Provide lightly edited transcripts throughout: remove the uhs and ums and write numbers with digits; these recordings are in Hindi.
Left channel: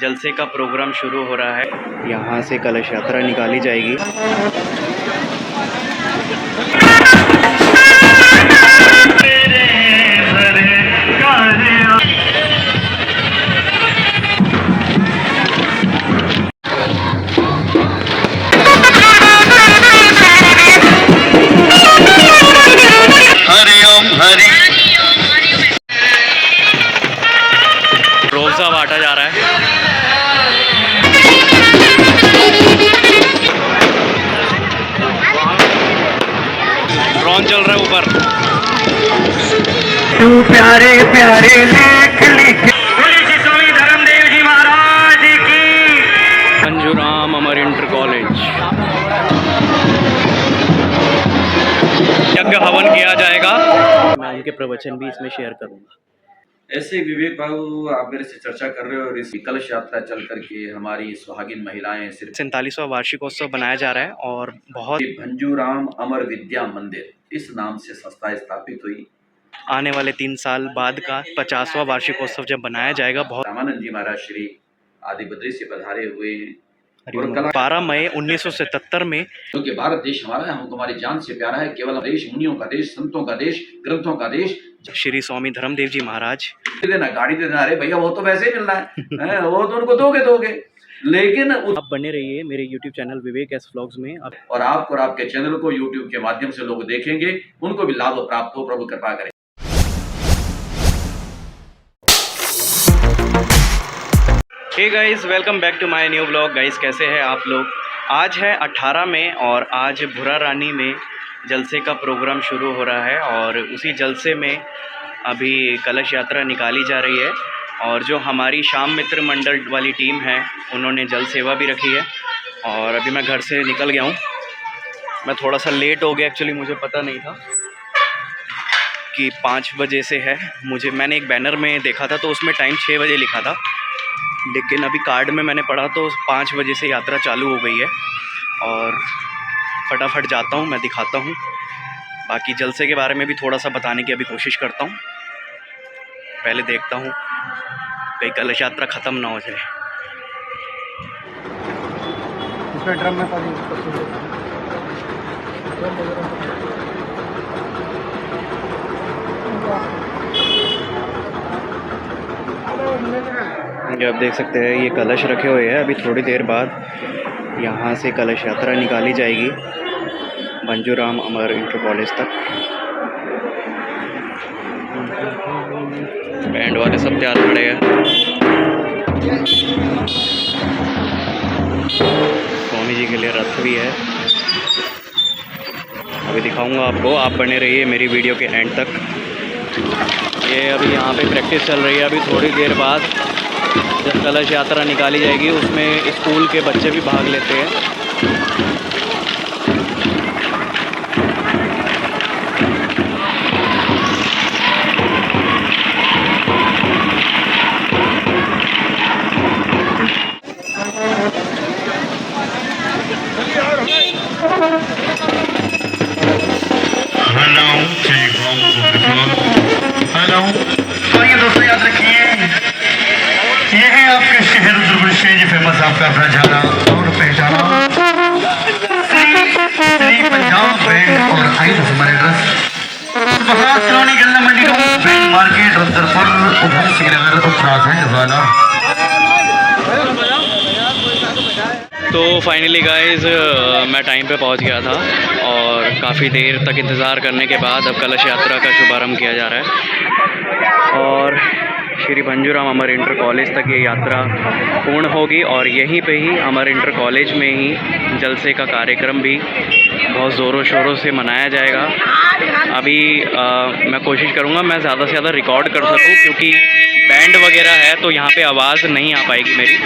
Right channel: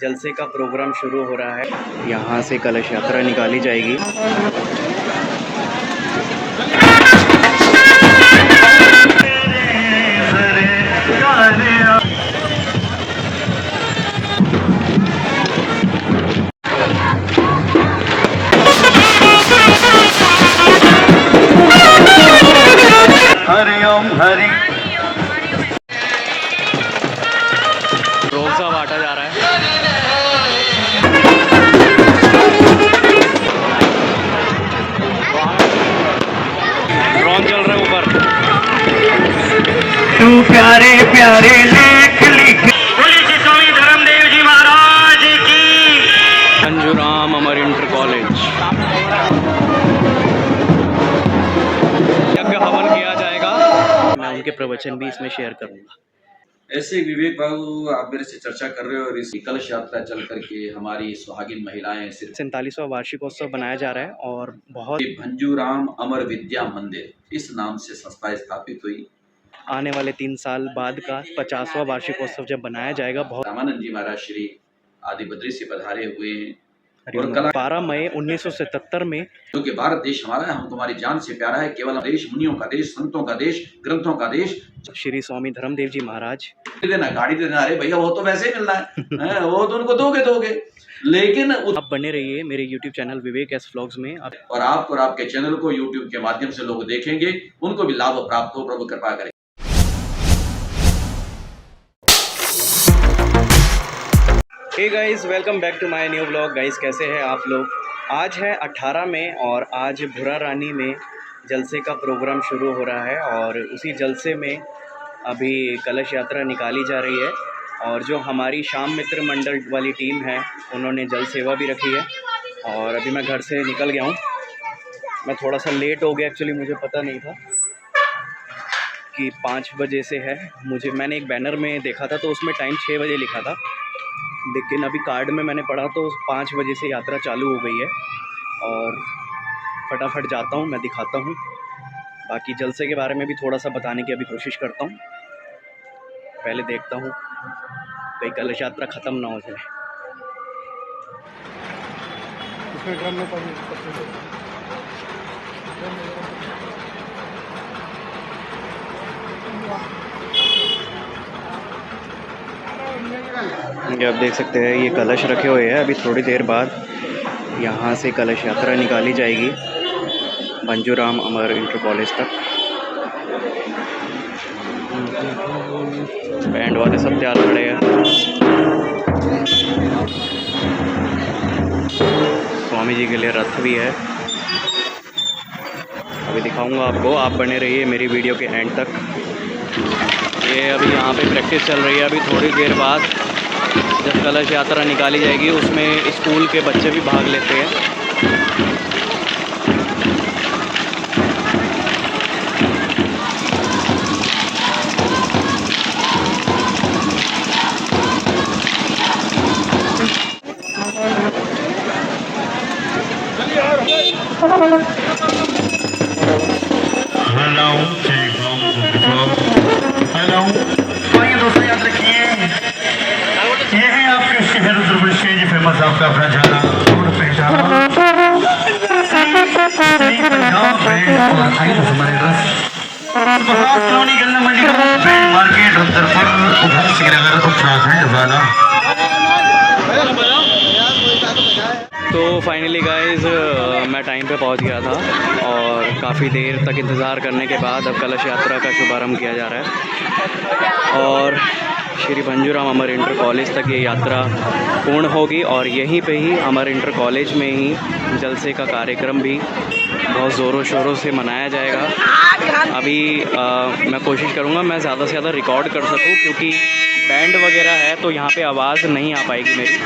जलसे का प्रोग्राम शुरू हो रहा है। यहाँ से कलश यात्रा निकाली जाएगी। रोज़ा बांटा जा रहा है। ड्रोन चल रहा है ऊपर। तू प्यारे प्यारे लेख लिखे श्री स्वामी धर्मदेव जी महाराज की। भंजूराम अमर इंटर कॉलेज यज्ञ हवन किया जाएगा। मैं उनके प्रवचन भी इसमें शेयर करूंगा। ऐसे विवेक बाबू आप मेरे से चर्चा कर रहे हो और इस कलश यात्रा चल करके हमारी सुहागिन महिलाएं सिर्फ 47वां वार्षिकोत्सव बनाया जा रहा है और बहुत भंजूराम अमर विद्या मंदिर इस नाम से संस्था स्थापित हुई। आने वाले 3 साल बाद का 50वां वार्षिकोत्सव जब बनाया जाएगा। बहुत रामानंद जी महाराज श्री आदि बद्री से पधारे हुए हैं। 12 मई 1977 में क्योंकि भारत देश हमारा है, हमको हमारी जान से प्यारा है। केवल देश मुनियों का देश, संतों का देश, ग्रंथों का देश। श्री स्वामी धर्मदेव जी महाराज देना गाड़ी देना, अरे भैया वो तो वैसे ही मिलना है वो तो उनको दोगे लेकिन आप बने रहिए मेरे YouTube चैनल विवेक एस व्लॉग्स में। और आपको और आपके चैनल को YouTube के माध्यम से लोग देखेंगे, उनको भी लाभ प्राप्त हो। प्रभु कृपा करें। Hey guys, welcome back to my new vlog. Guys कैसे हैं आप लोग? आज है 18 मई और आज भुरा रानी में जलसे का प्रोग्राम शुरू हो रहा है और उसी जलसे में अभी कलश यात्रा निकाली जा रही है। और जो हमारी श्याम मित्र मंडल वाली टीम है उन्होंने जल सेवा भी रखी है। और अभी मैं घर से निकल गया हूँ। मैं थोड़ा सा लेट हो गया, एक्चुअली मुझे पता नहीं था कि 5 बजे से है। मैंने एक बैनर में देखा था तो उसमें टाइम 6 बजे लिखा था, लेकिन अभी कार्ड में मैंने पढ़ा तो 5 बजे से यात्रा चालू हो गई है। और फटाफट जाता हूँ, मैं दिखाता हूँ। बाकी जलसे के बारे में भी थोड़ा सा बताने की अभी कोशिश करता हूँ। पहले देखता हूँ कहीं कलश यात्रा ख़त्म ना हो जाए। ड्रम में पानी ये आप देख सकते हैं, ये कलश रखे हुए हैं। अभी थोड़ी देर बाद यहाँ से कलश यात्रा निकाली जाएगी भंजूराम अमर इंटर कॉलेज तक। बैंड वाले सब तैयार खड़े हैं। स्वामी जी के लिए रथ भी है, अभी दिखाऊंगा आपको। आप बने रहिए मेरी वीडियो के एंड तक। ये अभी यहाँ पे प्रैक्टिस चल रही है। अभी थोड़ी देर बाद जब कलश यात्रा निकाली जाएगी उसमें स्कूल के बच्चे भी भाग लेते हैं। हेलो तो ये दोस्तों याद रखिए, ये है आपके शहर रुद्रप्रयाग जी फेमस आपका अपना जाना और पहचाना पंजाब ब्रांड और आई हमारे ड्रेस कॉलोनी गन्ना मंडी ब्रांड मार्केट रुद्रपुर उधर श्रीनगर उत्तराखंड वाला। तो फाइनली गाइस मैं टाइम पे पहुंच गया था और काफ़ी देर तक इंतज़ार करने के बाद अब कलश यात्रा का शुभारंभ किया जा रहा है। और श्री भंजूराम अमर इंटर कॉलेज तक ये यात्रा पूर्ण होगी और यहीं पे ही अमर इंटर कॉलेज में ही जलसे का कार्यक्रम भी बहुत ज़ोरों शोरों से मनाया जाएगा। अभी मैं कोशिश करूँगा मैं ज़्यादा से ज़्यादा रिकॉर्ड कर सकूँ, क्योंकि बैंड वगैरह है तो यहाँ पे आवाज़ नहीं आ पाएगी मेरी।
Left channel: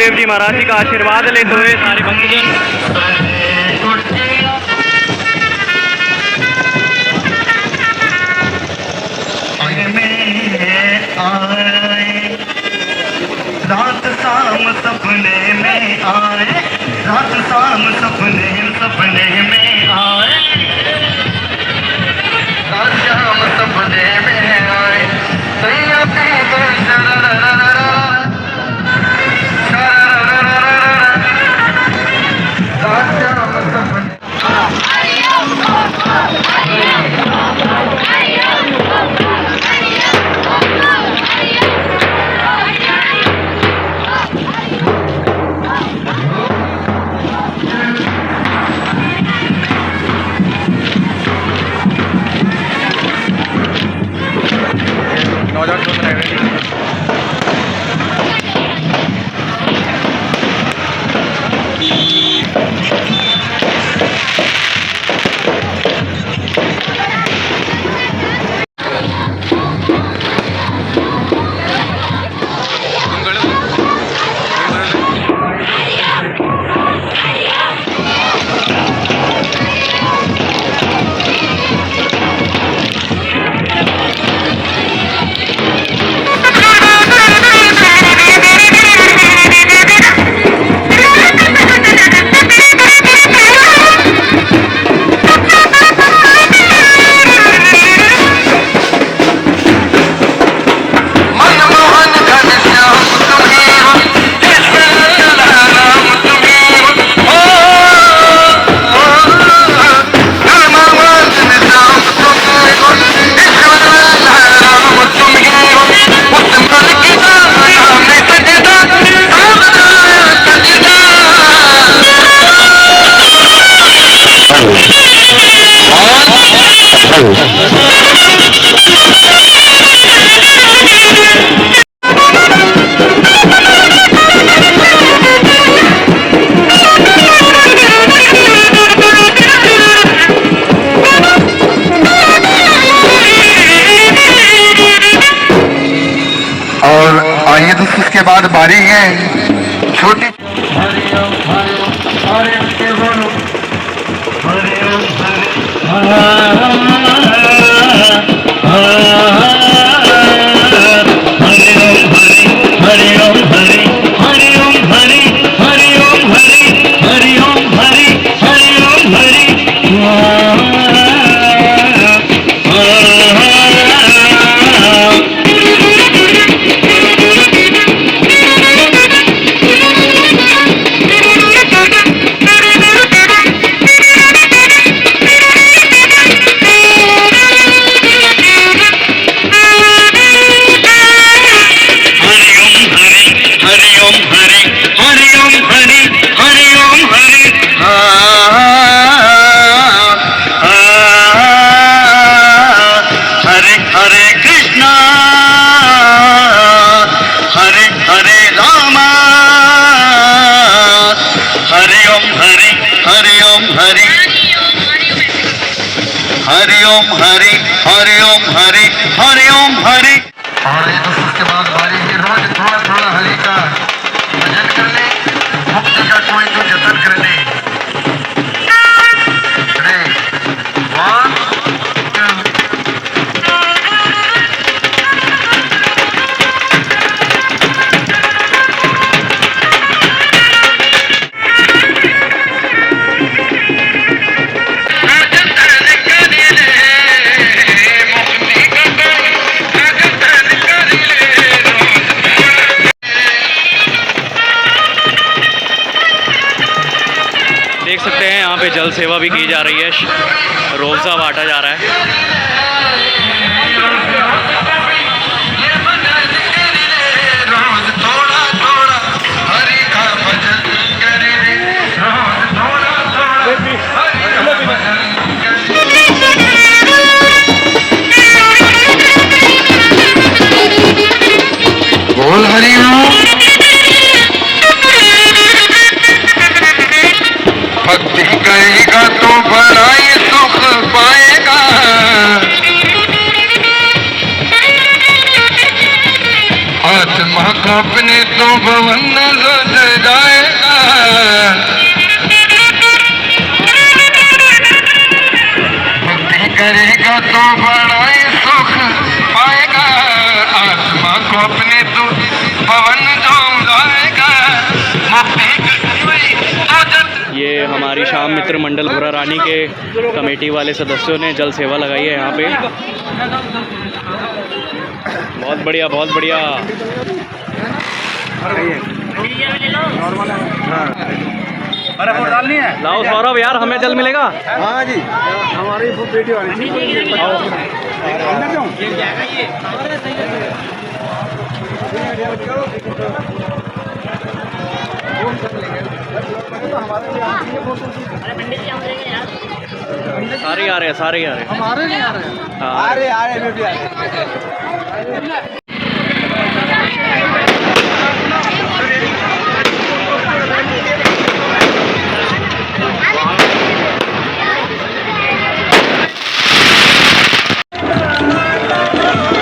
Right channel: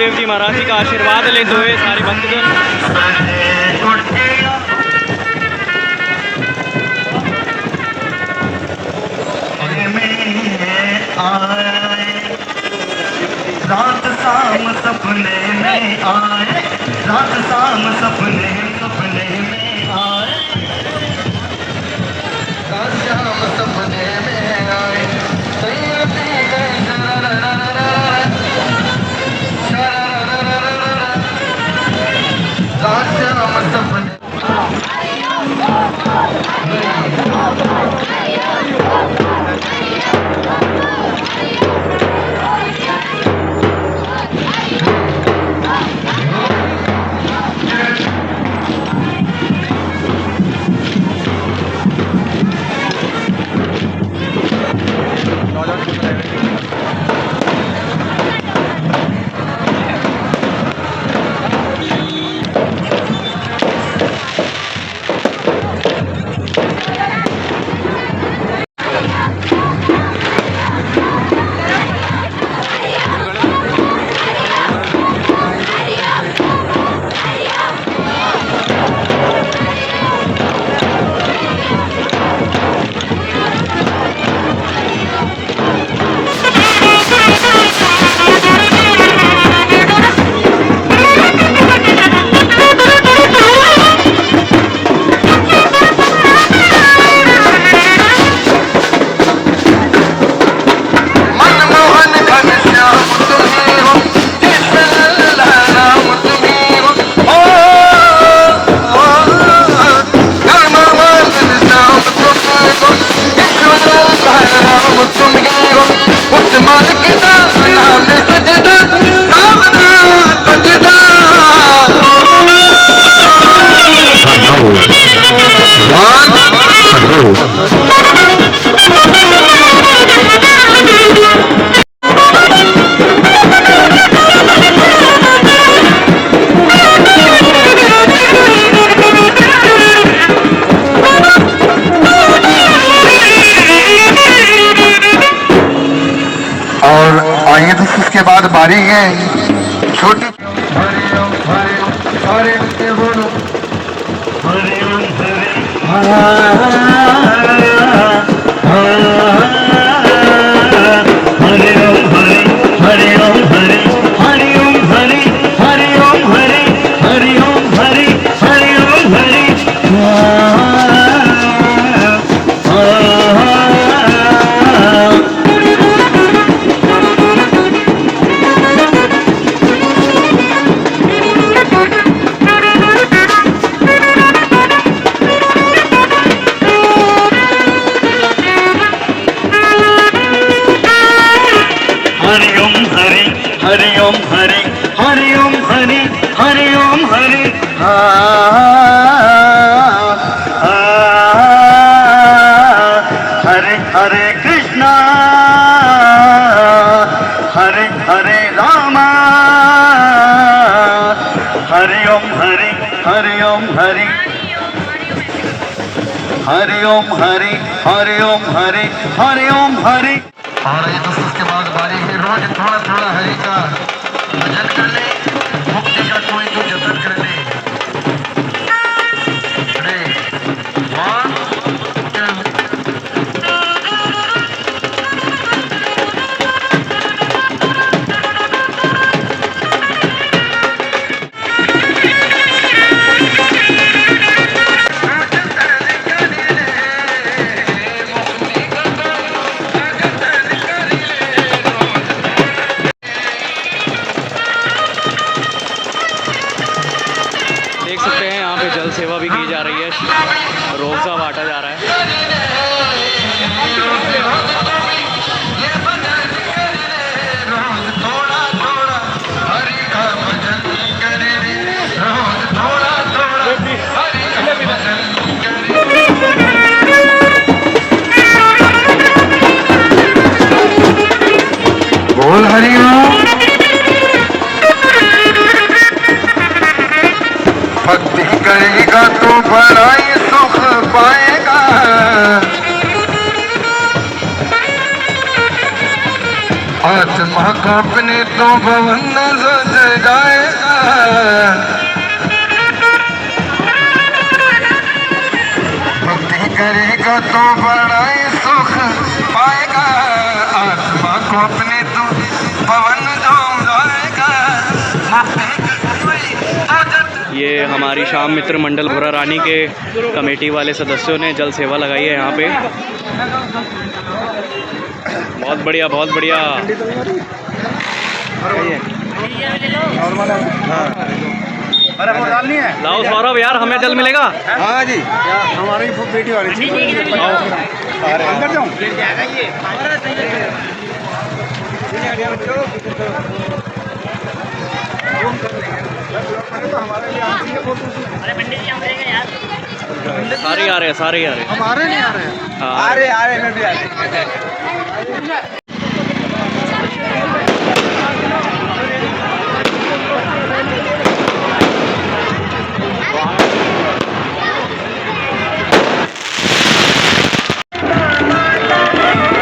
रामदेव जी महाराज जी का आशीर्वाद लेते हुए सारे भक्तजन रात शाम सपने में आए, रात शाम सपने सपने में आए, रात शाम सपने में आए, सैया पी गए रात शाम सपने। और आइए दोस्तों उसके बाद बारी है छोटी हरि ओम हरि हरि ओम हरि हरि ओम हरि। और उसके बाद बारी है रोज थोड़ा थोड़ा हरि का भजन कर ले, मुक्ति का कोई तो जतन कर ले। देख सकते हैं यहाँ पे जल सेवा भी की जा रही है, रोज़ा बांटा जा रहा है। बोल हरि ओम। भक्ति करेगा तो बड़ा ही सुख पाएगा। आत्मा को अपने तो भवन नजर जाएगा, भक्ति करेगा तो बड़ा ही सुख पाएगा, आत्मा को अपने तो भवन जो जाएगा, मुक्ति ये हमारी शाम मित्र मंडल भुरा रानी के कमेटी वाले सदस्यों ने जल सेवा लगाई है यहाँ पे। बहुत बढ़िया, बहुत बढ़िया। अरे वोट डालनी है। लाओ सौरभ यार, हमें जल मिलेगा। हाँ जी, हमारी बेटी वाली अंदर जाऊँ। अरे पंडित जी हम रहेंगे यार। सारे आ रहे हैं, सारे आ रहे हैं। हमारे नहीं आ रहे हैं। हाँ, आ रहे मैं भी आ रहे।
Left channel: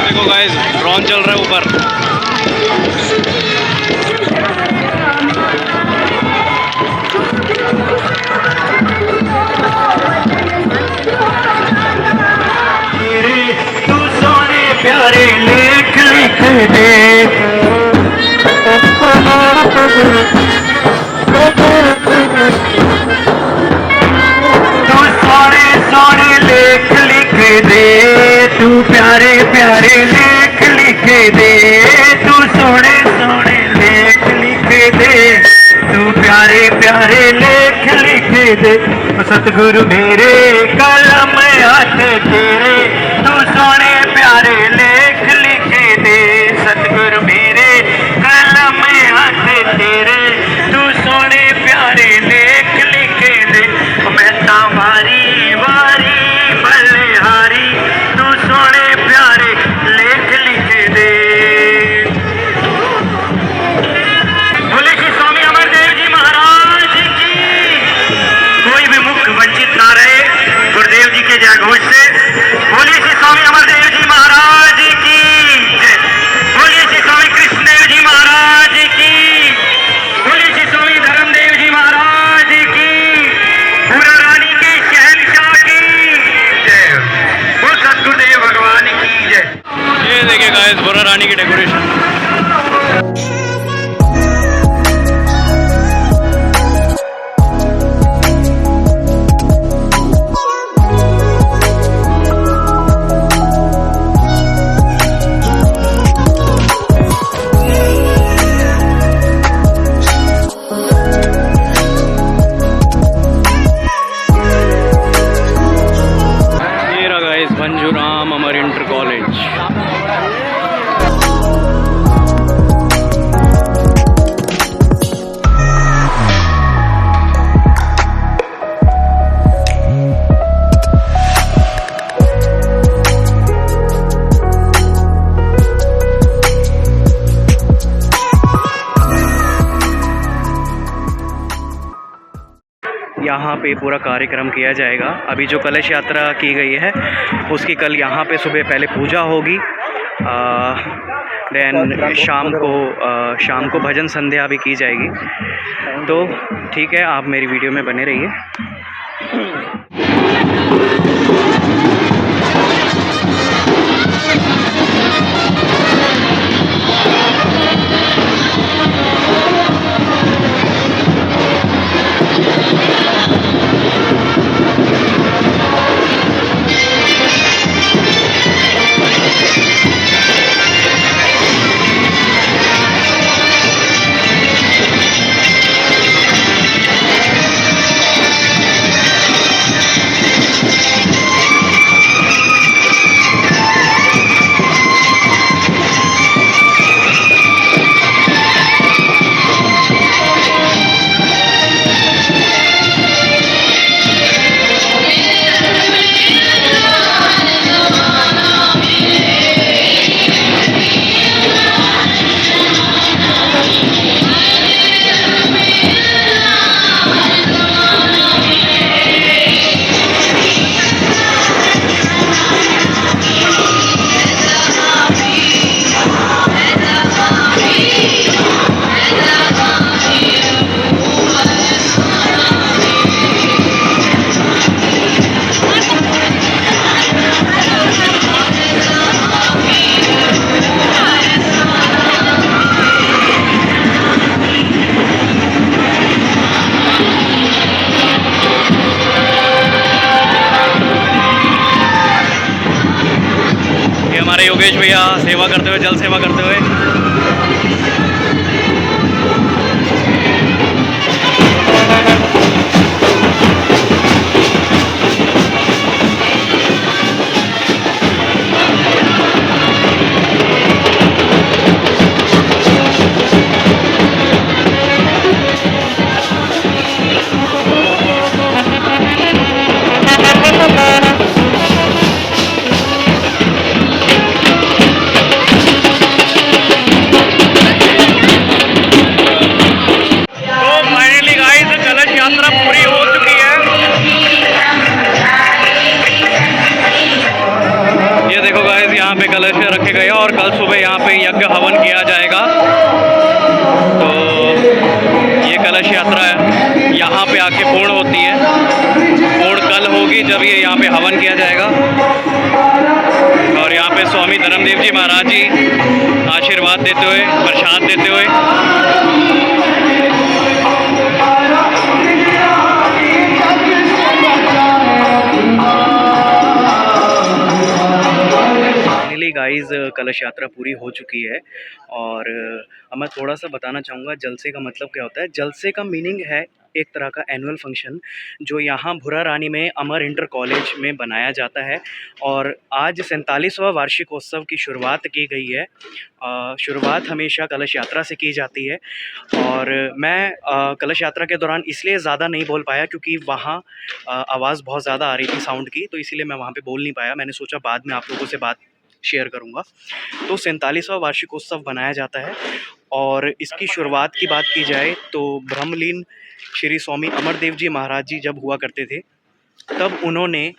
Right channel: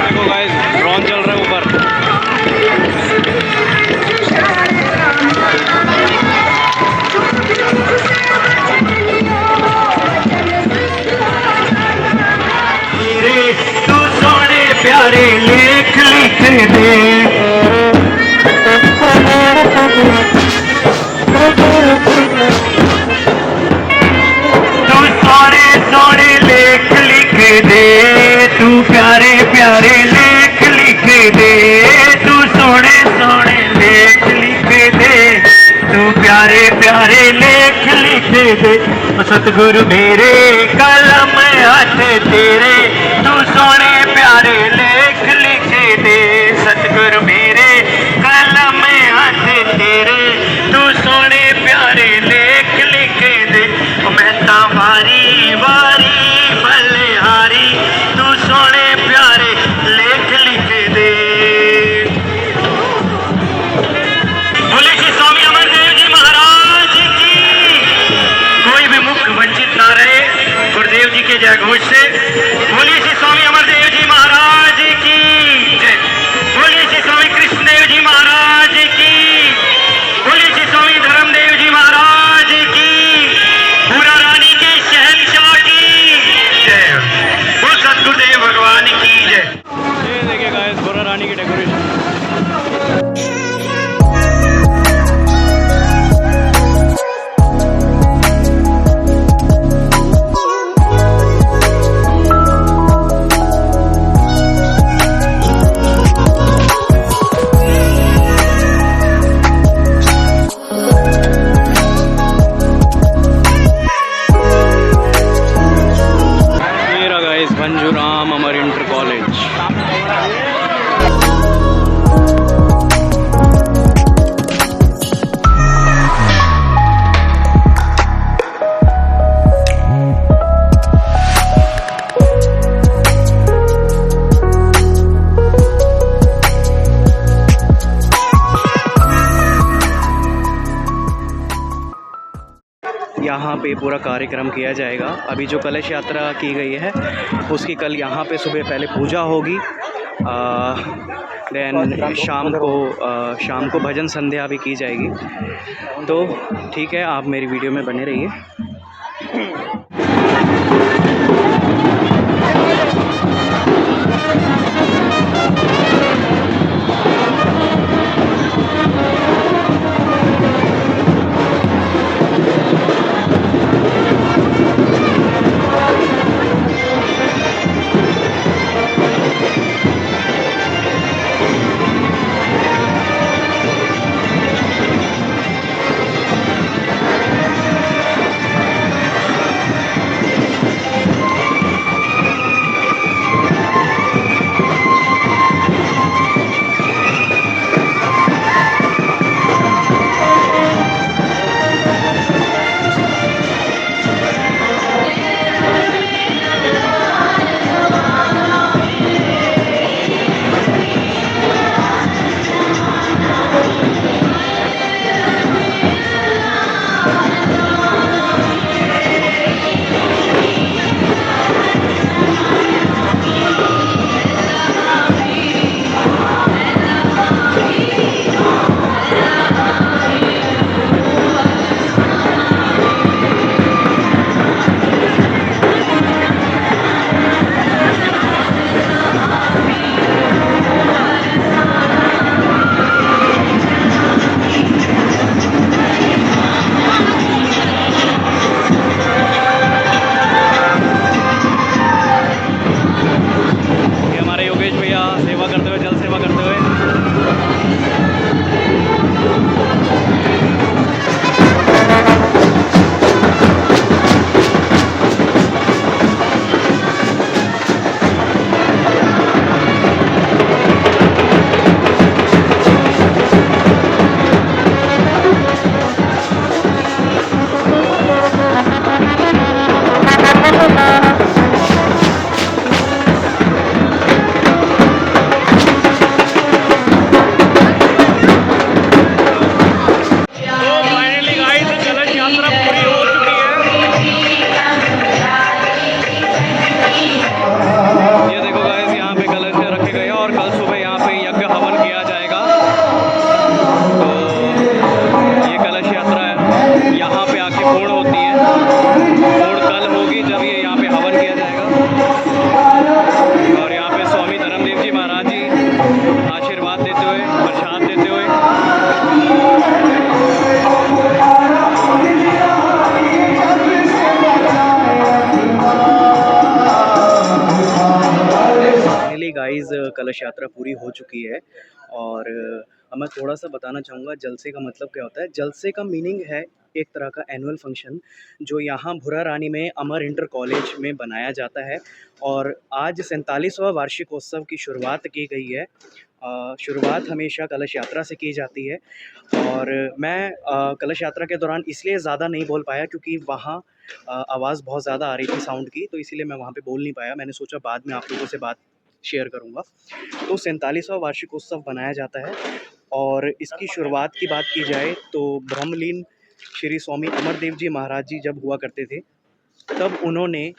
देखो गाइस, ड्रोन चल रहा है ऊपर। तू सोने प्यारे लेख लिख दे, तू सोने सोने लेख लिख दे, तू प्यारे प्यारे लेख लिख दे, तू सोने सोने लेख लिख दे, तू प्यारे प्यारे लेख लिख दे, सतगुरु मेरे कलम हाथ तेरे, तू सोने प्यारे लेख लिख दे, सतगुरु मेरे कलम हाथ तेरे, तू सोने प्यारे लेख लिख दे, मैं वारी वारी बलिहारी, तू सोने प्यारे लेख लिख दे। बोले श्री स्वामी अमरदेव जी महाराज की, कोई भी मुख वंचित ना रहे गुरुदेव जी के जय घोष से। बोलिए श्री स्वामी अमरदेव जी महाराज की जय, बोलिए श्री स्वामी कृष्णदेव जी महाराज की, बोलिए श्री स्वामी धर्मदेव जी महाराज की, भुरा रानी के शहंशाह की जय, वो सद्गुरुदेव भगवान की जय। ये देखिए गाइस, भुरा रानी की डेकोरेशन। भंजूराम अमर इंटर कॉलेज। यहाँ पे पूरा कार्यक्रम किया जाएगा। अभी जो कलश यात्रा की गई है उसकी कल यहाँ पे सुबह पहले पूजा होगी, देन शाम को भजन संध्या भी की जाएगी। तो ठीक है, आप मेरी वीडियो में बने रहिए। हमारे योगेश भैया सेवा करते हुए, जल सेवा करते हुए। तो फाइनली गाइस कलश यात्रा पूरी हो चुकी है। ये देखो गाइस, यहाँ पे कलश रखे गए और कल सुबह यहाँ पे यज्ञ हवन किया जाएगा। तो ये कलश यात्रा यहाँ पे आके पूर्ण होती है। पूर्ण कल होगी जब ये यहाँ पे हवन किया जाएगा। और यहाँ पे स्वामी धर्मदेव जी महाराज जी आशीर्वाद देते हुए, प्रसाद देते हुए। फाइनली गाइस कलश यात्रा पूरी हो चुकी है। और अब मैं थोड़ा सा बताना चाहूँगा जलसे का मतलब क्या होता है। जलसे का मीनिंग है एक तरह का एनुअल फंक्शन जो यहाँ भुरा रानी में अमर इंटर कॉलेज में बनाया जाता है। और आज 47वां वार्षिकोत्सव की शुरुआत की गई है। शुरुआत हमेशा कलश यात्रा से की जाती है। और मैं कलश यात्रा के दौरान इसलिए ज़्यादा नहीं बोल पाया क्योंकि वहाँ आवाज़ बहुत ज़्यादा आ रही थी साउंड की, तो इसीलिए मैं वहाँ पे बोल नहीं पाया। मैंने सोचा बाद में आप लोगों से बात शेयर करूँगा। तो 47वां वार्षिकोत्सव बनाया जाता है। और इसकी शुरुआत की बात की जाए तो ब्रह्मलीन श्री स्वामी अमरदेव जी महाराज जी जब हुआ करते थे तब उन्होंने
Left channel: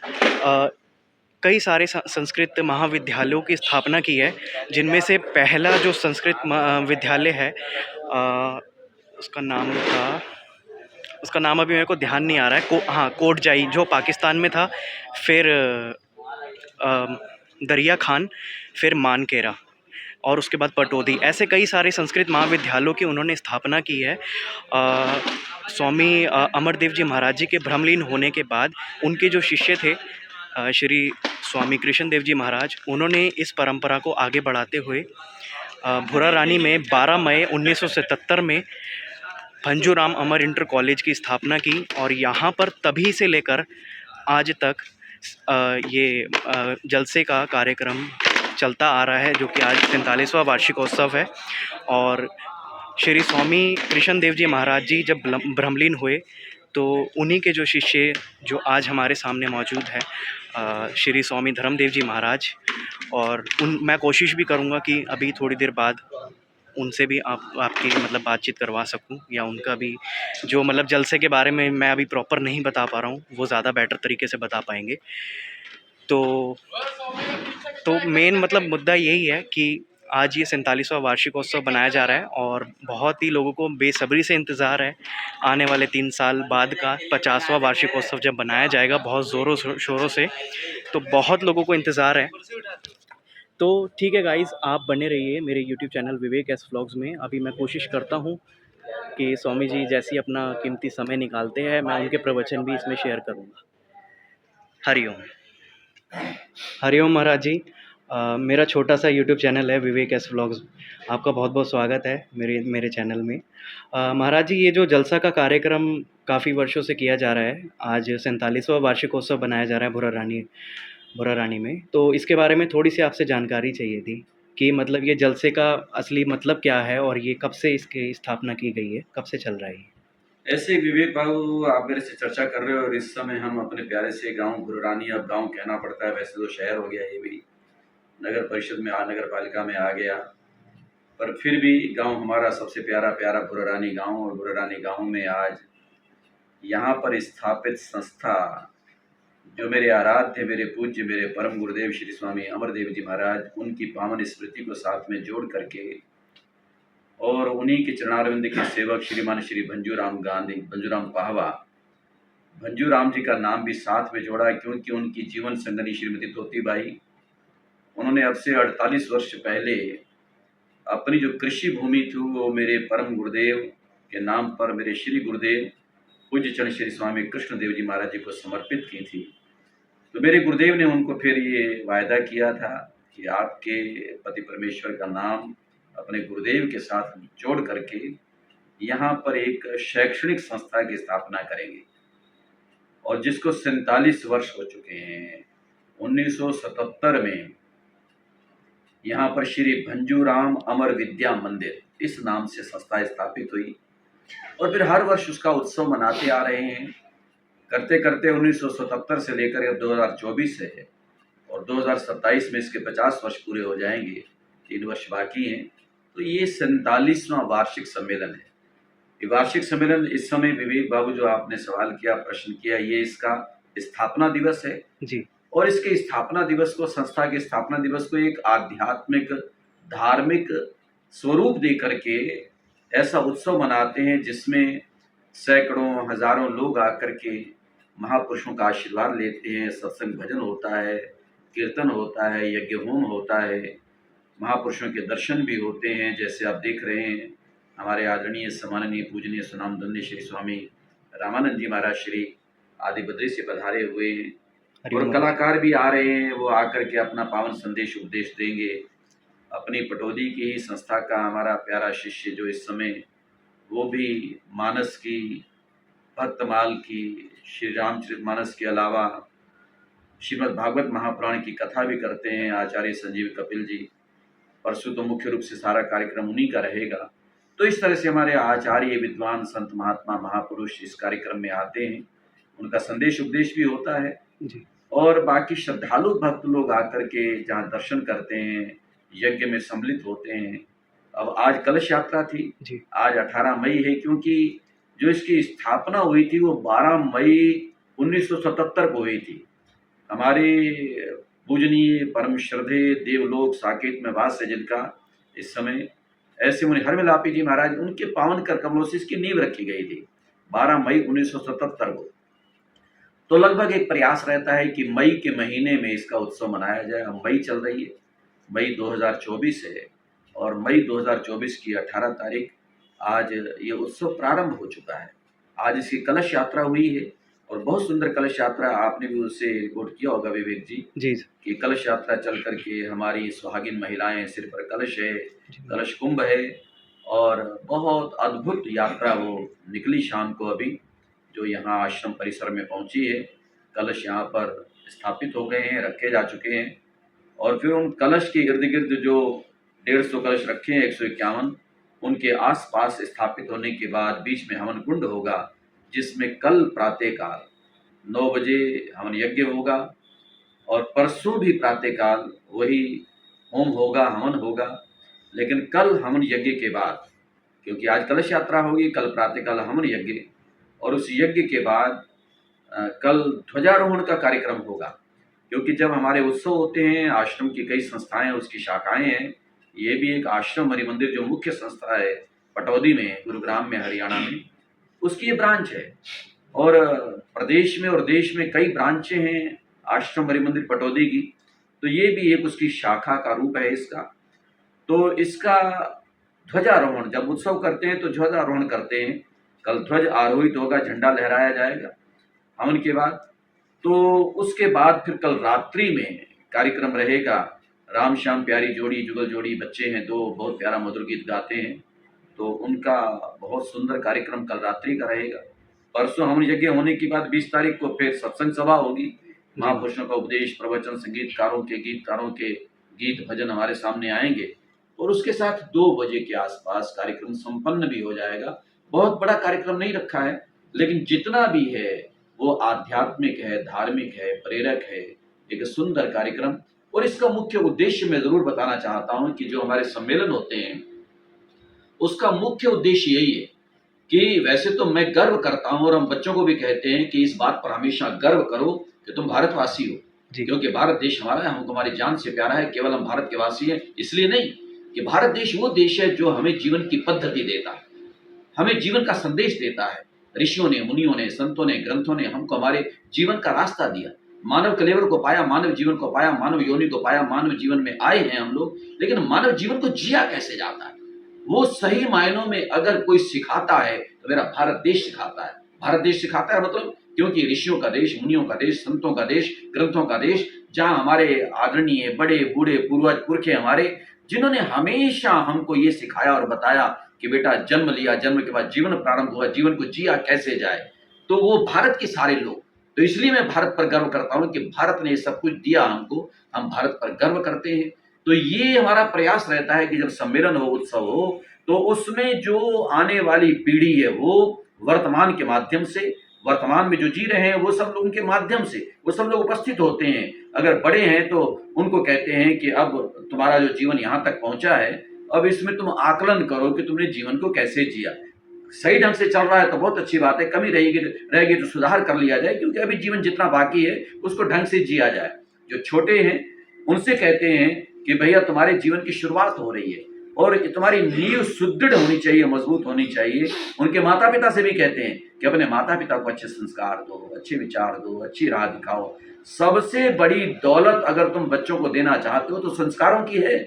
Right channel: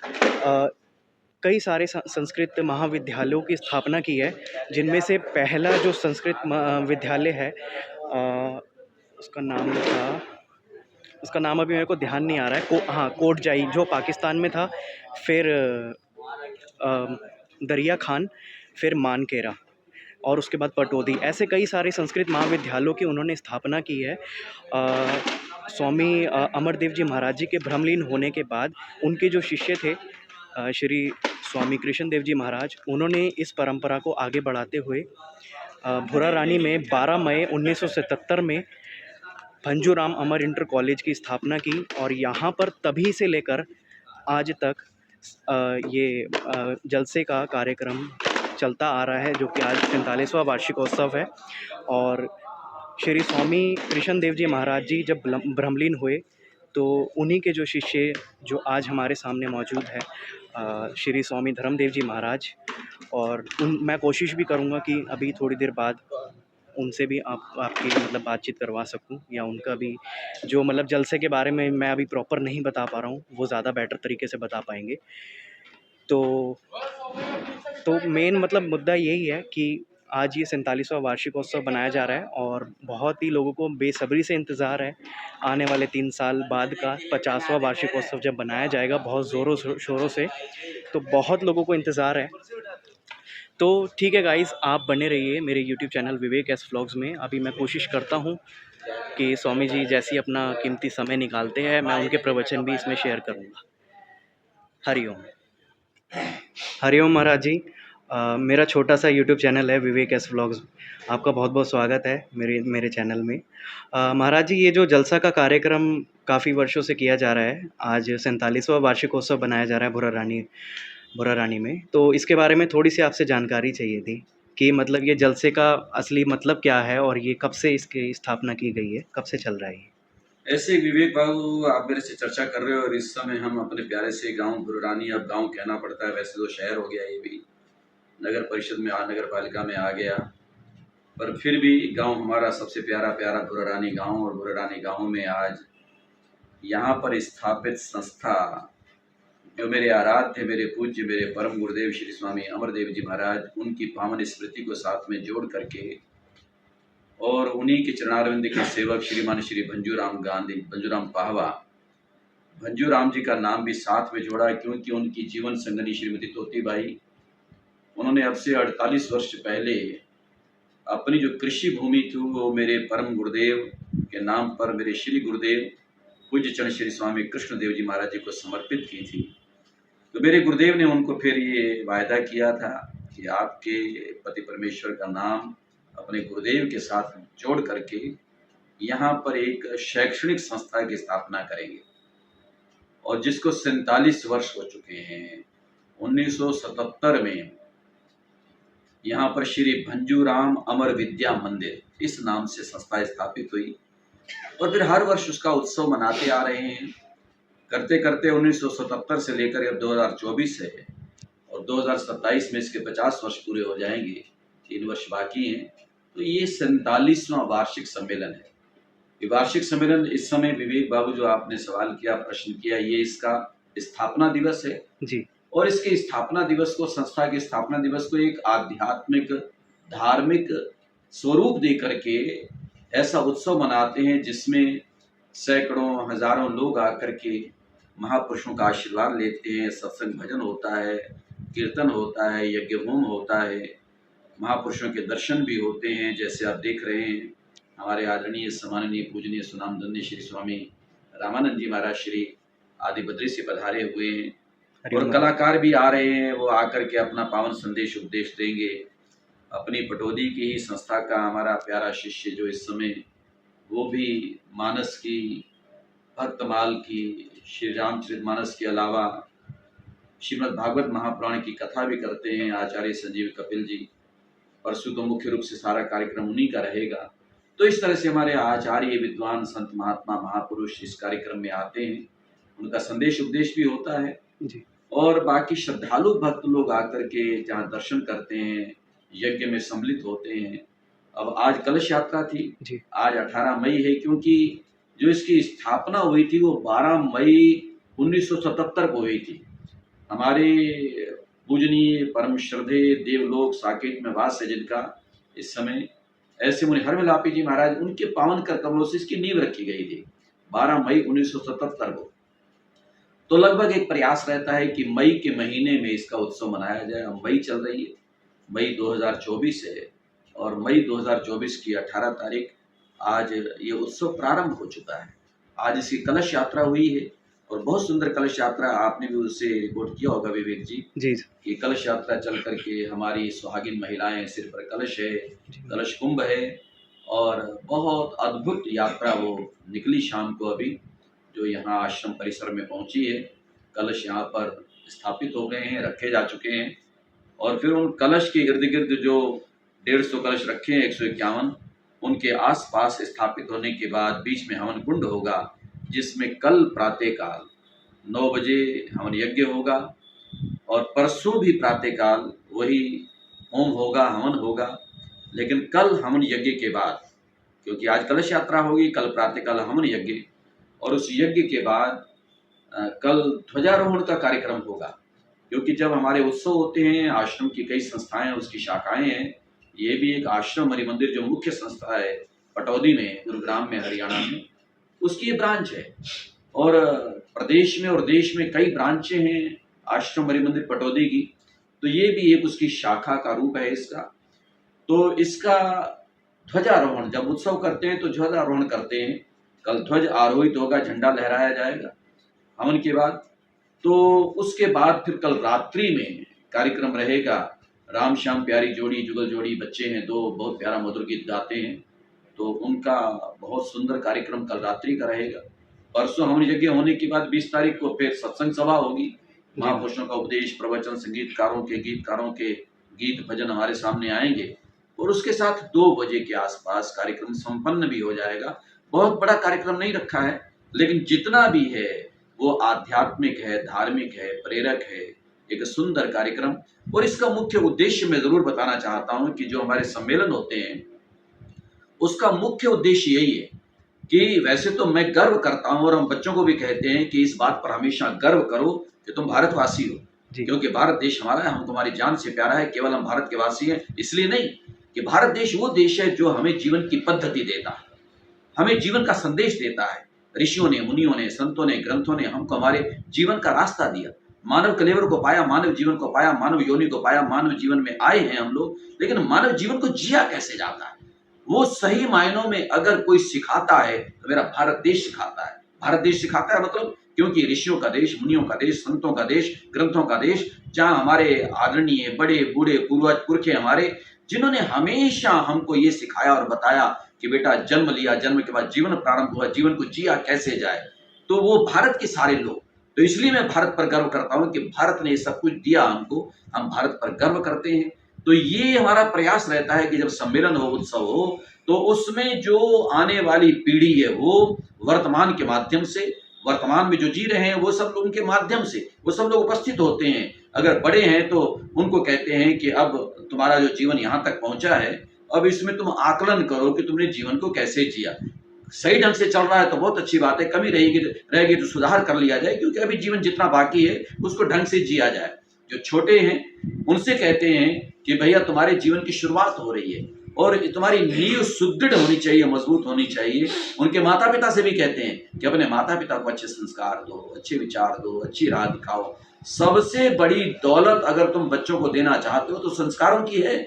कई सारे संस्कृत महाविद्यालयों की स्थापना की है, जिनमें से पहला जो संस्कृत विद्यालय है उसका नाम अभी मेरे को ध्यान नहीं आ रहा है। कोटजाई जो पाकिस्तान में था, फिर दरिया खान, फिर मानकेरा और उसके बाद पटौदी। ऐसे कई सारे संस्कृत महाविद्यालयों की उन्होंने स्थापना की है। स्वामी अमरदेव जी महाराज जी के ब्रह्मलीन होने के बाद उनके जो शिष्य थे श्री स्वामी कृष्ण देव जी महाराज, उन्होंने इस परंपरा को आगे बढ़ाते हुए भुरा रानी में 12 मई 1977 में भंजूराम अमर इंटर कॉलेज की स्थापना की। और यहाँ पर तभी से लेकर आज तक ये जलसे का कार्यक्रम चलता आ रहा है, जो कि आज 47वां वार्षिकोत्सव है। और श्री स्वामी कृष्ण देव जी महाराज जी जब ब्रह्मलीन हुए तो उन्हीं के जो शिष्य जो आज हमारे सामने मौजूद है श्री स्वामी धर्मदेव जी महाराज। और मैं कोशिश भी करूँगा कि अभी थोड़ी देर बाद उनसे भी आपकी मतलब बातचीत करवा सकूं, या उनका भी जो मतलब जलसे के बारे में मैं अभी प्रॉपर नहीं बता पा रहा हूं, वो ज़्यादा बेटर तरीके से बता पाएंगे। तो मेन मतलब मुद्दा यही है कि आज ये 47वां वार्षिकोत्सव बनाया जा रहा है और बहुत ही लोगों को बेसब्री से इंतज़ार है आने वाले 3 साल बाद का 50वां वार्षिकोत्सव जब बनाया जाएगा बहुत ज़ोरों शोरों से। तो बहुत लोगों को इंतज़ार है। तो ठीक है गाइस, आप बने रहिए मेरे यूट्यूब चैनल विवेक एस व्लॉग्स में। अभी मैं कोशिश करता हूँ कि स्वामी जी जैसे ही अपना कीमती समय निकालते हैं मैं उनके प्रवचन भी इसमें शेयर करूँगा। हरिओम। हरिओम महाराज जी। मेरा छोटा सा यूट्यूब चैनल है विवेक एस व्लॉग्स। आपका बहुत बहुत स्वागत है मेरे चैनल में। महाराज जी, ये जो जलसा का कार्यक्रम काफ़ी वर्षों से किया जा रहा है, आज 47वां वार्षिकोत्सव बनाया जा रहा है भुरा रानी में, तो इसके बारे में थोड़ी सी आपसे जानकारी चाहिए थी कि मतलब ये जलसे का असली मतलब क्या है और ये कब से इसकी स्थापना की गई है, कब से चल रहा है ये? ऐसे विवेक बाबू आप मेरे से चर्चा कर रहे हो और इस समय हम अपने प्यारे से गांव भुरा रानी, अब गांव कहना पड़ता है, वैसे तो शहर हो गया, ये भी नगर परिषद में नगर पालिका में आ गया, पर फिर भी गांव हमारा सबसे प्यारा भुरा रानी गाँव। और भुरा रानी गाँव में आज यहाँ पर स्थापित संस्था जो मेरे आराध्य, मेरे पूज्य, मेरे परम गुरुदेव श्री स्वामी अमरदेव जी महाराज, उनकी पावन स्मृति को साथ में जोड़ करके और उन्हीं के चरणारविंद के सेवक श्रीमान श्री भंजूराम पाहवा, भंजूराम जी का नाम भी साथ में जोड़ा क्योंकि उनकी जीवन संगनी श्रीमती तोतीबाई, उन्होंने अब से 48 वर्ष पहले अपनी जो कृषि भूमि थी वो मेरे परम गुरुदेव के नाम पर, मेरे श्री गुरुदेव पूज्य चरण श्री स्वामी कृष्ण देव जी महाराज जी को समर्पित की थी। तो मेरे गुरुदेव ने उनको फिर ये वायदा किया था कि आपके पति परमेश्वर का नाम अपने गुरुदेव के साथ जोड़ करके यहाँ पर एक शैक्षणिक संस्था की स्थापना करेंगे, और जिसको 47 वर्ष हो चुके हैं। 1977 में यहाँ पर श्री भंजूराम अमर विद्या मंदिर इस नाम से संस्था स्थापित हुई, और फिर हर वर्ष उसका उत्सव मनाते आ रहे हैं। करते करते 1977 से लेकर अब 2024 है, और 2027 में इसके 50 वर्ष पूरे हो जाएंगे, 3 वर्ष बाकी हैं। तो ये 47वां वार्षिक सम्मेलन है। ये वार्षिक सम्मेलन इस समय विवेक बाबू जो आपने सवाल किया, प्रश्न किया, ये इसका स्थापना दिवस है जी। और इसके स्थापना दिवस को, संस्था के स्थापना दिवस को एक आध्यात्मिक धार्मिक स्वरूप दे करके ऐसा उत्सव मनाते हैं जिसमें सैकड़ों हजारों लोग आकर के महापुरुषों का आशीर्वाद लेते हैं। सत्संग भजन होता है, कीर्तन होता है, यज्ञ होम होता है, महापुरुषों के दर्शन भी होते हैं। जैसे आप देख रहे हैं, हमारे आदरणीय सम्माननीय पूजनीय सुनामधन्य श्री स्वामी रामानंद जी महाराज श्री आदि बद्री से पधारे हुए हैं, और कलाकार भी आ रहे हैं। वो आकर के अपना पावन संदेश उपदेश देंगे। अपनी पटौदी की ही संस्था का हमारा प्यारा शिष्य जो इस समय, वो भी मानस की, भक्तमाल की, श्री रामचरितमानस के अलावा श्रीमद् भागवत महापुराण की कथा भी करते हैं आचार्य संजीव कपिल जी। परसों तो मुख्य रूप से सारा कार्यक्रम उन्हीं का रहेगा। तो इस तरह से हमारे आचार्य, विद्वान, संत, महात्मा, महापुरुष इस कार्यक्रम में आते हैं, उनका संदेश उपदेश भी होता है जी। और बाकी श्रद्धालु भक्त लोग आकर के जहाँ दर्शन करते हैं, यज्ञ में सम्मिलित होते हैं। अब आज कलश यात्रा थी जी। आज 18 मई है, क्योंकि जो इसकी स्थापना हुई थी वो 12 मई 1977 को हुई थी। हमारे पूजनीय परम श्रद्धेय देवलोक साकेत में वास है जिनका इस समय ऐसे मुनि हरमिलापी जी महाराज, उनके पावन कर कमलों से इसकी नींव रखी गई थी 12 मई 1977 को। तो लगभग एक प्रयास रहता है कि मई के महीने में इसका उत्सव मनाया जाए। अब मई चल रही है, मई 2024 है, और मई 2024 की 18 तारीख आज ये उत्सव प्रारंभ हो चुका है। आज इसकी कलश यात्रा हुई है, और बहुत सुंदर कलश यात्रा, आपने भी उससे रिपोर्ट किया होगा विवेक जी जी। कि कलश यात्रा चल करके हमारी सुहागिन महिलाएं, सिर पर कलश है, कलश कुंभ है, और बहुत अद्भुत यात्रा वो निकली शाम को अभी, जो यहाँ आश्रम परिसर में पहुँची है। कलश यहाँ पर स्थापित हो गए हैं, रखे जा चुके हैं, और फिर उन कलश के इर्द गिर्द जो 150 कलश रखे हैं, 151, उनके आसपास स्थापित होने के बाद बीच में हवन कुंड होगा, जिसमें कल प्रातःकाल 9 बजे हवन यज्ञ होगा, और परसों भी प्रातःकाल वही होम होगा, हवन होगा। लेकिन कल हवन यज्ञ के बाद, क्योंकि आज कलश यात्रा होगी, कल प्रातःकाल हवन यज्ञ, और उस यज्ञ के बाद कल ध्वजारोहण का कार्यक्रम होगा। क्योंकि जब हमारे उत्सव होते हैं, आश्रम की कई संस्थाएं, उसकी शाखाएं हैं, ये भी एक आश्रम हरि मंदिर जो मुख्य संस्था है पटौदी में, गुरुग्राम में, हरियाणा में, उसकी ये ब्रांच है। और प्रदेश में और देश में कई ब्रांचें हैं आश्रम हरि मंदिर पटौदी की, तो ये भी एक उसकी शाखा का रूप है इसका। तो इसका ध्वजारोहण, जब उत्सव करते हैं तो ध्वजारोहण करते हैं। कल ध्वज आरोहित होगा, झंडा लहराया जाएगा हवन के बाद। तो उसके बाद फिर कल रात्रि में कार्यक्रम रहेगा। राम श्याम प्यारी जोड़ी, जुगल जोड़ी बच्चे हैं, 2 बहुत प्यारा मधुर गीत गाते हैं, तो उनका बहुत सुंदर कार्यक्रम कल रात्रि का रहेगा। परसों हवन यज्ञ होने के बाद 20 तारीख को फिर सत्संग सभा होगी, महापुरुषों का उपदेश, प्रवचन, संगीतकारों के, गीतकारों के गीत भजन हमारे सामने आएंगे, और उसके साथ 2 बजे के आसपास कार्यक्रम संपन्न भी हो जाएगा। बहुत बड़ा कार्यक्रम नहीं रखा है, लेकिन जितना भी है वो आध्यात्मिक है, धार्मिक है, प्रेरक है, एक सुंदर कार्यक्रम। और इसका मुख्य उद्देश्य मैं जरूर बताना चाहता हूं कि जो हमारे सम्मेलन होते हैं उसका मुख्य उद्देश्य यही है कि वैसे तो मैं गर्व करता हूं, और हम बच्चों को भी कहते हैं कि इस बात पर हमेशा गर्व करो कि तुम भारतवासी हो, क्योंकि भारत देश हमारा है, हमको हमारी जान से प्यारा है। केवल हम भारत के वासी हैं इसलिए नहीं, कि भारत देश वो देश है जो हमें जीवन की पद्धति देता है, हमें जीवन का संदेश देता है। ऋषियों ने, मुनियों ने, संतों ने, ग्रंथों ने हमको हमारे जीवन का रास्ता दिया। मानव कलेवर को पाया, मानव जीवन को पाया, मानव योनि को पाया, मानव जीवन में आए हैं हम लोग। लेकिन मानव जीवन को जिया कैसे जाता है, वो सही मायनों में अगर कोई सिखाता है तो मेरा भारत देश सिखाता है। भारत देश सिखाता है मतलब क्योंकि ऋषियों का देश, मुनियों का देश, संतों का देश, ग्रंथों का देश, जहाँ हमारे आदरणीय बड़े बूढ़े पूर्वज पुरखे हमारे, जिन्होंने हमेशा हमको ये सिखाया और बताया कि बेटा जन्म लिया, जन्म के बाद जीवन प्रारंभ हुआ, जीवन को जिया कैसे जाए, तो वो भारत के सारे लोग। तो इसलिए मैं भारत पर गर्व करता हूँ कि भारत ने सब कुछ दिया हमको, हम भारत पर गर्व करते हैं। तो ये हमारा प्रयास रहता है कि जब सम्मेलन हो, उत्सव हो, तो उसमें जो आने वाली पीढ़ी है वो वर्तमान के माध्यम से, वर्तमान में जो जी रहे हैं वो सब लोगों के माध्यम से वो सब लोग उपस्थित होते हैं। अगर बड़े हैं तो उनको कहते हैं कि अब तुम्हारा जो जीवन यहाँ तक पहुंचा है, अब इसमें तुम आकलन करो कि तुमने जीवन को कैसे जिया। सही ढंग से चल रहा है तो बहुत अच्छी बात है, कमी रहेगी तो सुधार कर लिया जाए, क्योंकि अभी जीवन जितना बाकी है उसको ढंग से जिया जाए। जो छोटे हैं उनसे कहते हैं कि भैया तुम्हारे जीवन की शुरुआत हो रही है और तुम्हारी नींव सुदृढ़ होनी चाहिए, मजबूत होनी चाहिए। उनके माता पिता से भी कहते हैं कि अपने माता पिता को अच्छे संस्कार दो, अच्छे विचार दो, अच्छी राह दिखाओ। सबसे बड़ी दौलत अगर तुम बच्चों को देना चाहते हो तो संस्कारों की है।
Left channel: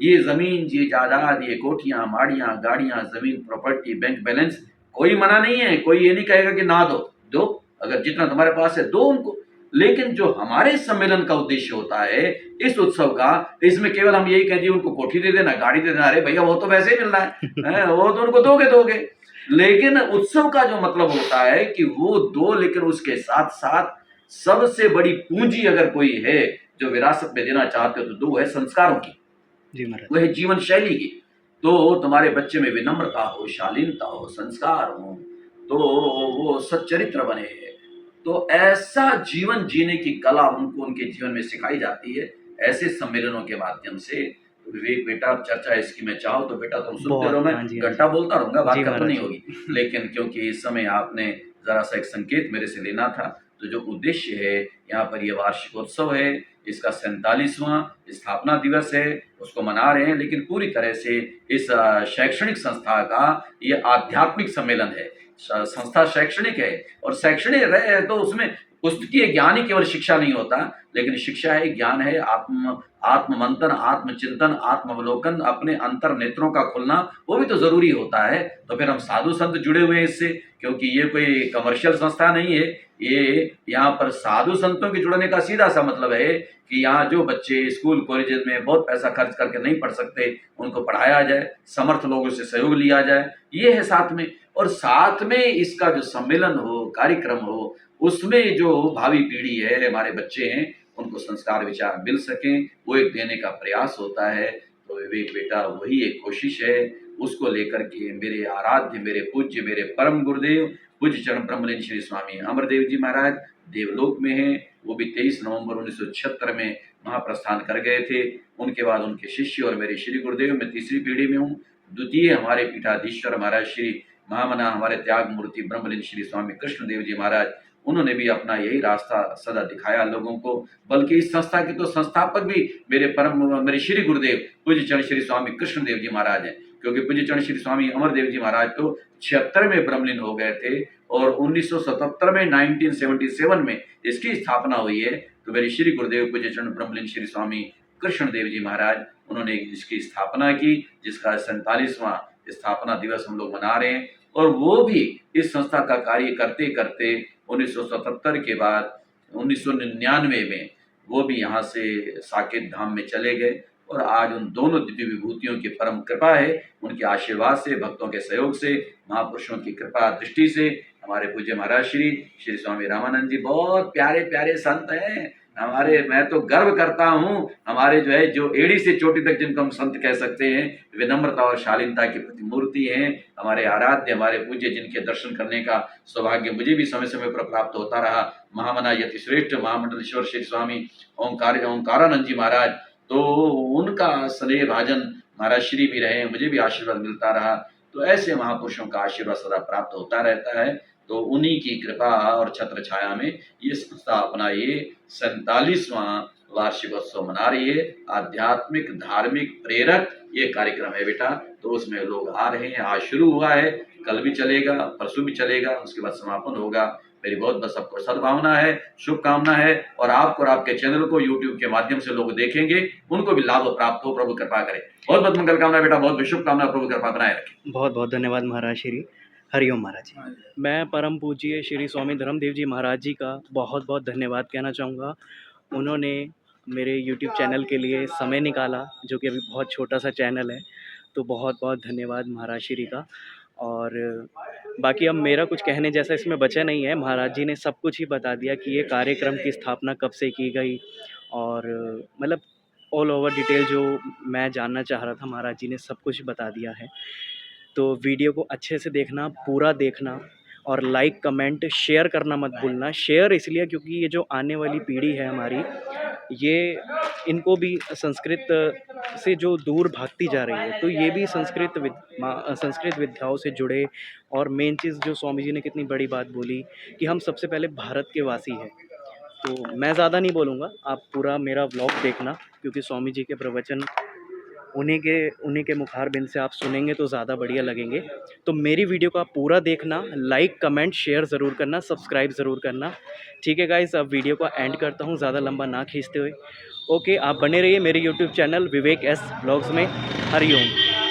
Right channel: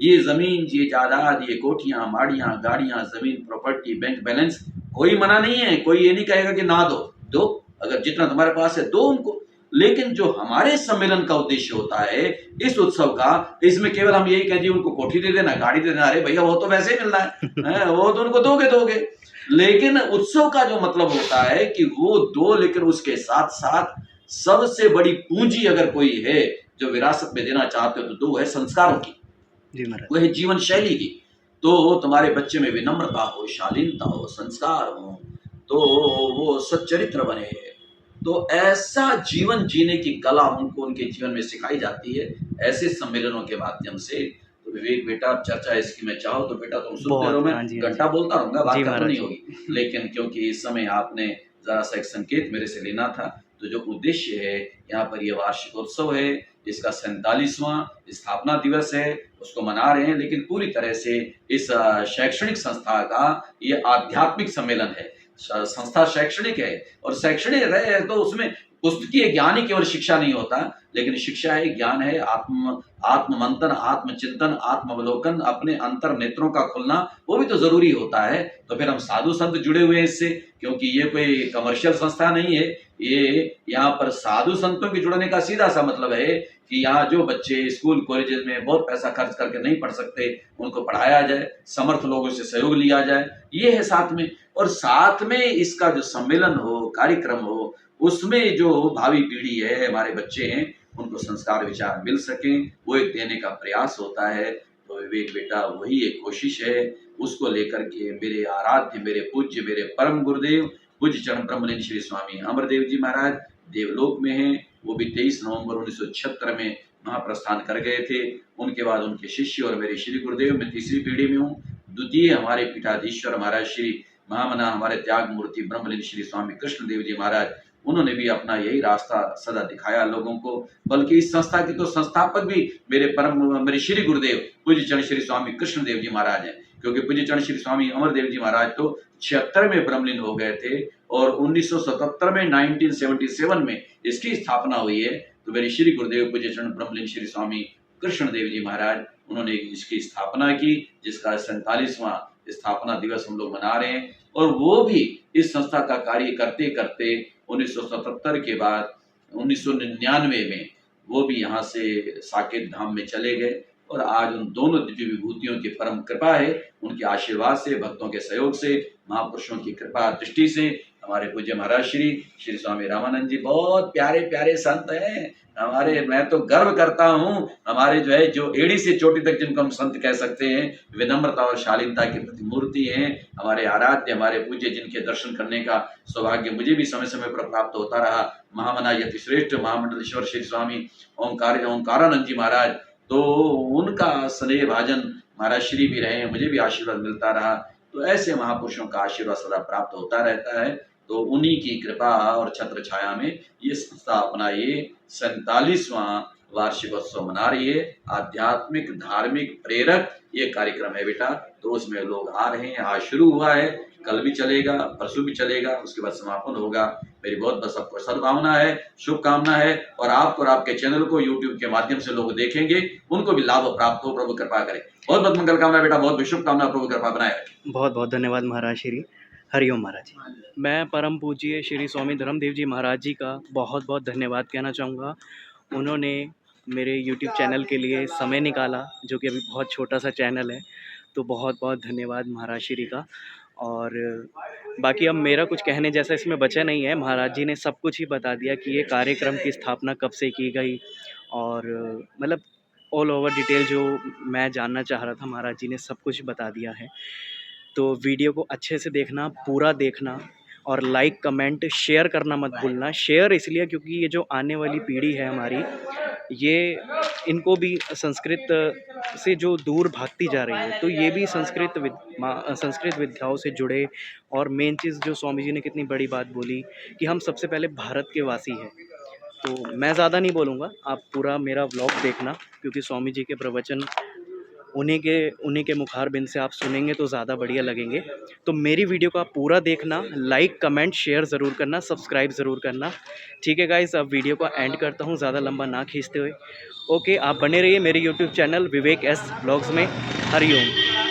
ये जमीन, ये जायदाद, ये कोठियां, माड़ियां, गाड़ियां, जमीन, प्रॉपर्टी, बैंक बैलेंस, कोई मना नहीं है, कोई ये नहीं कहेगा कि ना दो, अगर जितना तुम्हारे पास है दो उनको। लेकिन जो हमारे सम्मेलन का उद्देश्य होता है इस उत्सव का, इसमें केवल हम यही कहें जी उनको कोठी दे देना, गाड़ी दे देना, अरे भैया वो तो वैसे ही मिल रहा है वो तो उनको दोगे। लेकिन उत्सव का जो मतलब होता है कि वो दो, लेकिन उसके साथ साथ सबसे बड़ी पूंजी अगर कोई है जो विरासत में देना चाहते हो तो दो है संस्कारों की, जी महाराज, वो है जीवन शैली की। तो तुम्हारे बच्चे में विनम्रता हो, शालीनता हो, संस्कार हो, तो वो सच्चरित्र बने। तो ऐसा जीवन जीने की कला उनको उनके जीवन में सिखाई जाती है ऐसे सम्मेलनों के माध्यम से। तो विवेक बेटा, अब चर्चा इसकी मैं चाहूँ तो बेटा तुम सुनते रहो, मैं घंटा बोलता रहूंगा, बात खत्म नहीं होगी। लेकिन क्योंकि इस समय आपने जरा सा एक संकेत मेरे से लेना था, तो जो उद्देश्य है यहाँ पर, ये वार्षिकोत्सव है, इसका 47वां स्थापना दिवस है, उसको मना रहे हैं। लेकिन पूरी तरह से इस शैक्षणिक संस्था का ये आध्यात्मिक सम्मेलन है। संस्था शैक्षणिक है और शैक्षणिक है तो उसमें पुस्तकीय ज्ञान ही केवल शिक्षा नहीं होता, लेकिन शिक्षा है, ज्ञान है, आत्म मंथन, आत्मचिंतन, आत्मावलोकन, अपने अंतर नेत्रों का खुलना, वो भी तो जरूरी होता है। तो फिर हम साधु संत जुड़े हुए हैं इससे, क्योंकि ये कोई कमर्शियल संस्था नहीं है। ये यहाँ पर साधु संतों के जुड़ने का सीधा सा मतलब है कि यहाँ जो बच्चे स्कूल कॉलेजेस में बहुत पैसा खर्च करके नहीं पढ़ सकते उनको पढ़ाया जाए, समर्थ लोगों से सहयोग लिया जाए, ये है साथ में। और साथ में इसका जो सम्मेलन हो, कार्यक्रम हो, उसमें जो भावी पीढ़ी है, हमारे बच्चे हैं, उनको संस्कार विचार मिल सकें, वो एक देने का प्रयास होता है। तो विवेक बेटा वही एक कोशिश है, उसको लेकर के मेरे आराध्य, मेरे पूज्य, मेरे परम गुरुदेव पूज्य चरण ब्रह्मलीन श्री स्वामी अमरदेव जी महाराज देवलोक में हैं। वो भी 23 नवंबर 1976 में महाप्रस्थान कर गए थे। उनके बाद उनके शिष्य और मेरे श्री गुरुदेव, मैं तीसरी पीढ़ी में हूँ। द्वितीय हमारे पीठाधीश्वर महाराज श्री महामना हमारे त्याग मूर्ति ब्रह्मलीन श्री स्वामी कृष्णदेव जी महाराज, उन्होंने भी अपना यही रास्ता सदा दिखाया लोगों को। बल्कि इस संस्था के तो संस्थापक भी मेरे श्री गुरुदेव पूज्य चरण श्री स्वामी कृष्णदेव जी महाराज हैं, क्योंकि पूज्य चरण श्री स्वामी अमरदेव जी महाराज तो 76 में ब्रह्मलीन हो गए थे और 1977 में 1977 में इसकी स्थापना हुई है। तो मेरे श्री गुरुदेव पूज्य चरण ब्रह्मलीन श्री स्वामी कृष्णदेव जी महाराज, उन्होंने इसकी स्थापना की, जिसका 47वां स्थापना दिवस हम लोग मना रहे हैं। और वो भी इस संस्था का कार्य करते करते 1977 के बाद 1999 में वो भी यहाँ से साकेत धाम में चले गए। और आज उन दोनों दिव्य विभूतियों की परम कृपा है, उनके आशीर्वाद से, भक्तों के सहयोग से, महापुरुषों की कृपा दृष्टि से हमारे पूज्य महाराज श्री स्वामी रामानंद जी बहुत प्यारे प्यारे संत हैं हमारे। मैं तो गर्व करता हूँ, हमारे जो एड़ी से चोटी तक जिनको हम संत कह सकते हैं, विनम्रता और शालीनता की प्रतिमूर्ति हैं, हमारे आराध्य, हमारे पूज्य, जिनके दर्शन करने का सौभाग्य मुझे भी समय समय पर प्राप्त होता रहा। महामना यति श्रेष्ठ महामंडलेश्वर श्री स्वामी ओंकारानंद जी महाराज, तो उनका स्नेह भाजन महाराज श्री भी रहे, मुझे भी आशीर्वाद मिलता रहा। तो ऐसे महापुरुषों का आशीर्वाद सदा प्राप्त होता रहता है। तो उन्हीं की कृपा और छत्र छाया में ये संस्था अपना ये 47वां वार्षिकोत्सव मना रही है। आध्यात्मिक, धार्मिक, प्रेरक ये कार्यक्रम है बेटा। तो उसमें लोग आ रहे हैं, आज शुरू हुआ है, कल भी चलेगा, परसों भी चलेगा, उसके बाद समापन होगा। मेरी बहुत बस सबको सद्भावना है, शुभकामना है, और आपको और आपके चैनल को यूट्यूब के माध्यम से लोग देखेंगे, उनको भी लाभ प्राप्त हो, प्रभु कृपा करे। बहुत बहुत मंगल कामना बेटा, बहुत बहुत शुभकामना, प्रभु कृपा बनाए रखे। बहुत बहुत धन्यवाद महाराज श्री। हरिओम महाराज जी। मैं परम पूज्य श्री स्वामी धर्मदेव जी महाराज जी का बहुत बहुत धन्यवाद कहना चाहूँगा। उन्होंने मेरे यूट्यूब चैनल के लिए समय निकाला, जो कि अभी बहुत छोटा सा चैनल है, तो बहुत बहुत धन्यवाद महाराज श्री का। और बाकी अब मेरा कुछ कहने जैसा इसमें बचा नहीं है, महाराज जी ने सब कुछ ही बता दिया कि ये कार्यक्रम की स्थापना कब से की गई, और मतलब ऑल ओवर डिटेल जो मैं जानना चाह रहा था महाराज जी ने सब कुछ बता दिया है। तो वीडियो को अच्छे से देखना, पूरा देखना, और लाइक कमेंट शेयर करना मत भूलना। शेयर इसलिए क्योंकि ये जो आने वाली पीढ़ी है हमारी, ये इनको भी संस्कृत से जो दूर भागती जा रही है, तो ये भी संस्कृत विद्याओं से जुड़े। और मेन चीज़ जो स्वामी जी ने कितनी बड़ी बात बोली कि हम सबसे पहले भारत के वासी हैं। तो मैं ज़्यादा नहीं बोलूँगा, आप पूरा मेरा व्लॉग देखना, क्योंकि स्वामी जी के प्रवचन उन्हीं के मुखारबिंद से आप सुनेंगे तो ज़्यादा बढ़िया लगेंगे। तो मेरी वीडियो को आप पूरा देखना, लाइक कमेंट शेयर ज़रूर करना, सब्सक्राइब ज़रूर करना। ठीक है गाइस, अब वीडियो को एंड करता हूँ ज़्यादा लंबा ना खींचते हुए। ओके, आप बने रहिए मेरे यूट्यूब चैनल विवेक एस ब्लॉग्स में। हरिओम।